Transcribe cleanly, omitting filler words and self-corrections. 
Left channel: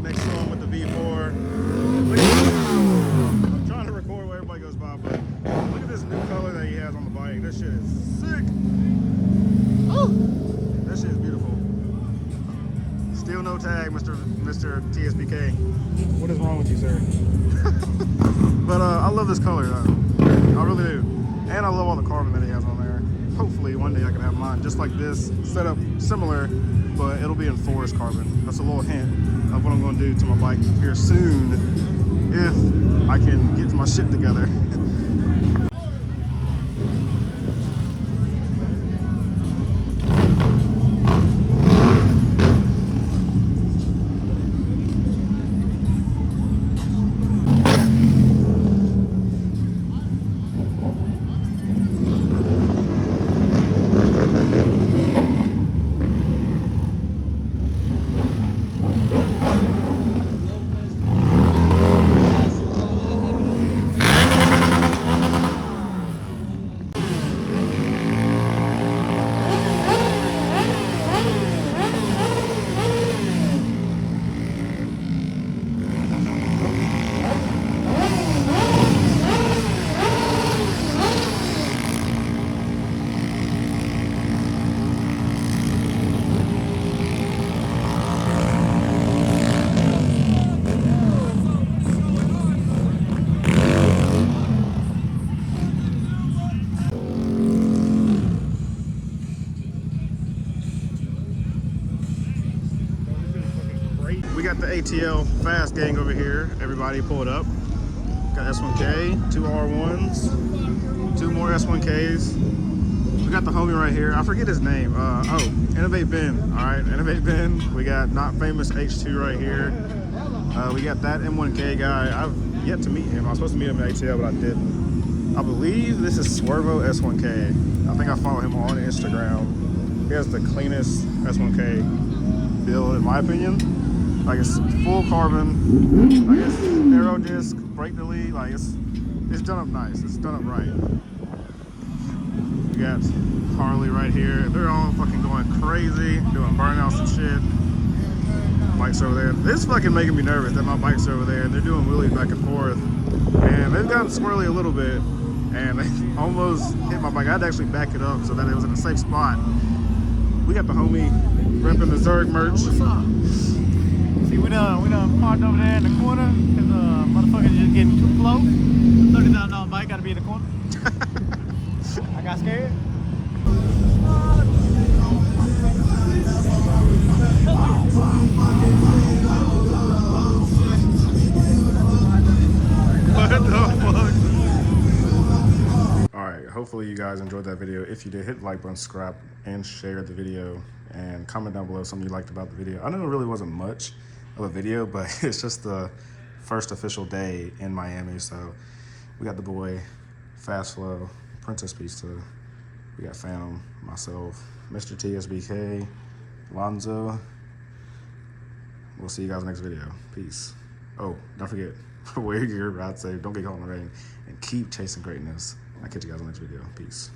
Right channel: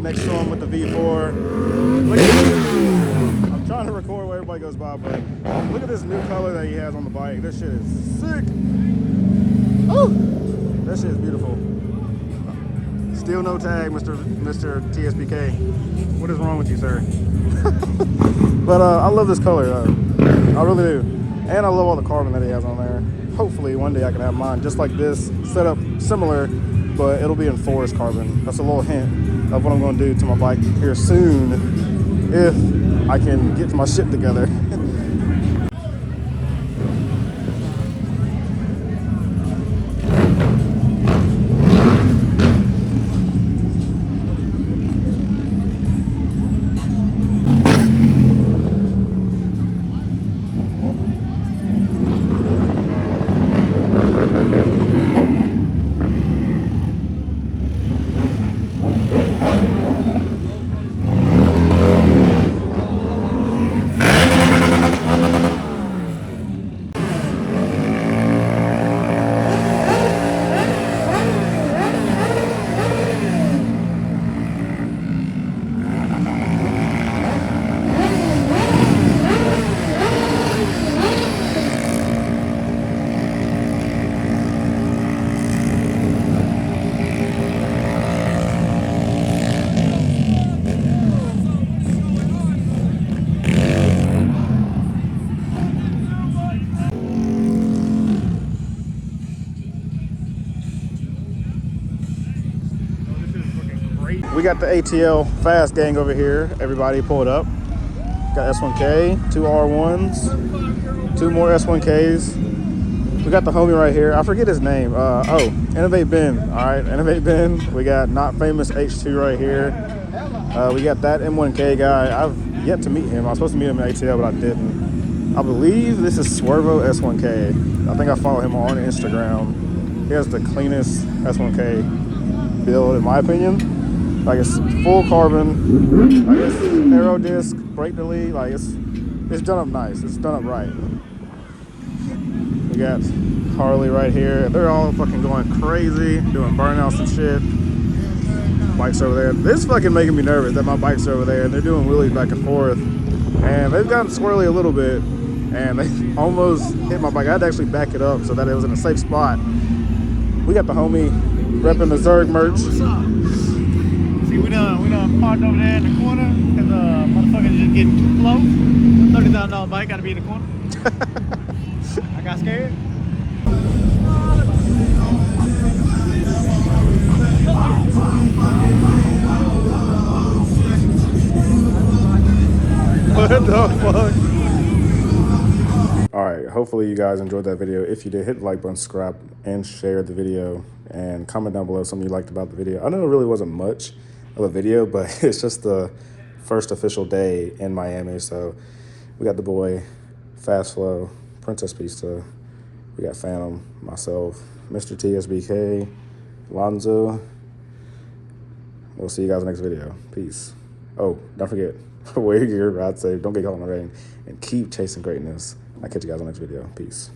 Next to him with the V4. I'm trying to record where everybody goes by, but look at this new color that he has on the bike. This shit is sick. Oh, that shit is beautiful. Still no tag, Mr. TSBK. What is wrong with you, sir? But I love this color, I really do. And I love all the carbon that he has on there. Hopefully one day I can have mine just like this, set up similar, but it'll be in forest carbon. That's a little hint of what I'm going to do to my bike here soon, if I can get my shit together. We got the ATL fast gang over here. Everybody pull it up. Got S1K, 2 R1s, 2 more S1Ks. We got the homie right here. I forget his name. Oh, Innovate Ben. All right, Innovate Ben. We got Not Famous H2 right here. We got that M1K guy. I've yet to meet him. I was supposed to meet him at ATL, but I didn't. I believe this is Swervo S1K. I think I follow him on Instagram. He has the cleanest S1K build, in my opinion. Like, it's full carbon, like it's aero disc, brake delete, like it's done up nice, it's done up right. We got Harley right here. They're all fucking going crazy, doing burnouts and shit. Bikes over there. This is fucking making me nervous that my bike's over there and they're doing wheelies back and forth. And they've gotten swirly a little bit and they almost hit my bike. I had to actually back it up so that it was in a safe spot. We got the homie repping the Zerg merch. What's up? See, we done parked over there in the corner because motherfuckers just getting too close. A $30,000 bike gotta be in the corner. I got scared. right, hopefully you guys enjoyed that video. If you did, hit the like button, subscribe, and share the video, and comment down below something you liked about the video. I know it really wasn't much of a video, but it's just the first official day in Miami. So we got the boy, Fast Flow, Princess Pista, we got Phantom, myself, Mr. TSBK, Lonzo. We'll see you guys in the next video. Peace. Oh, don't forget, wear your gear, ride safe, don't get caught in the rain, and keep chasing greatness. I'll catch you guys in the next video. Peace.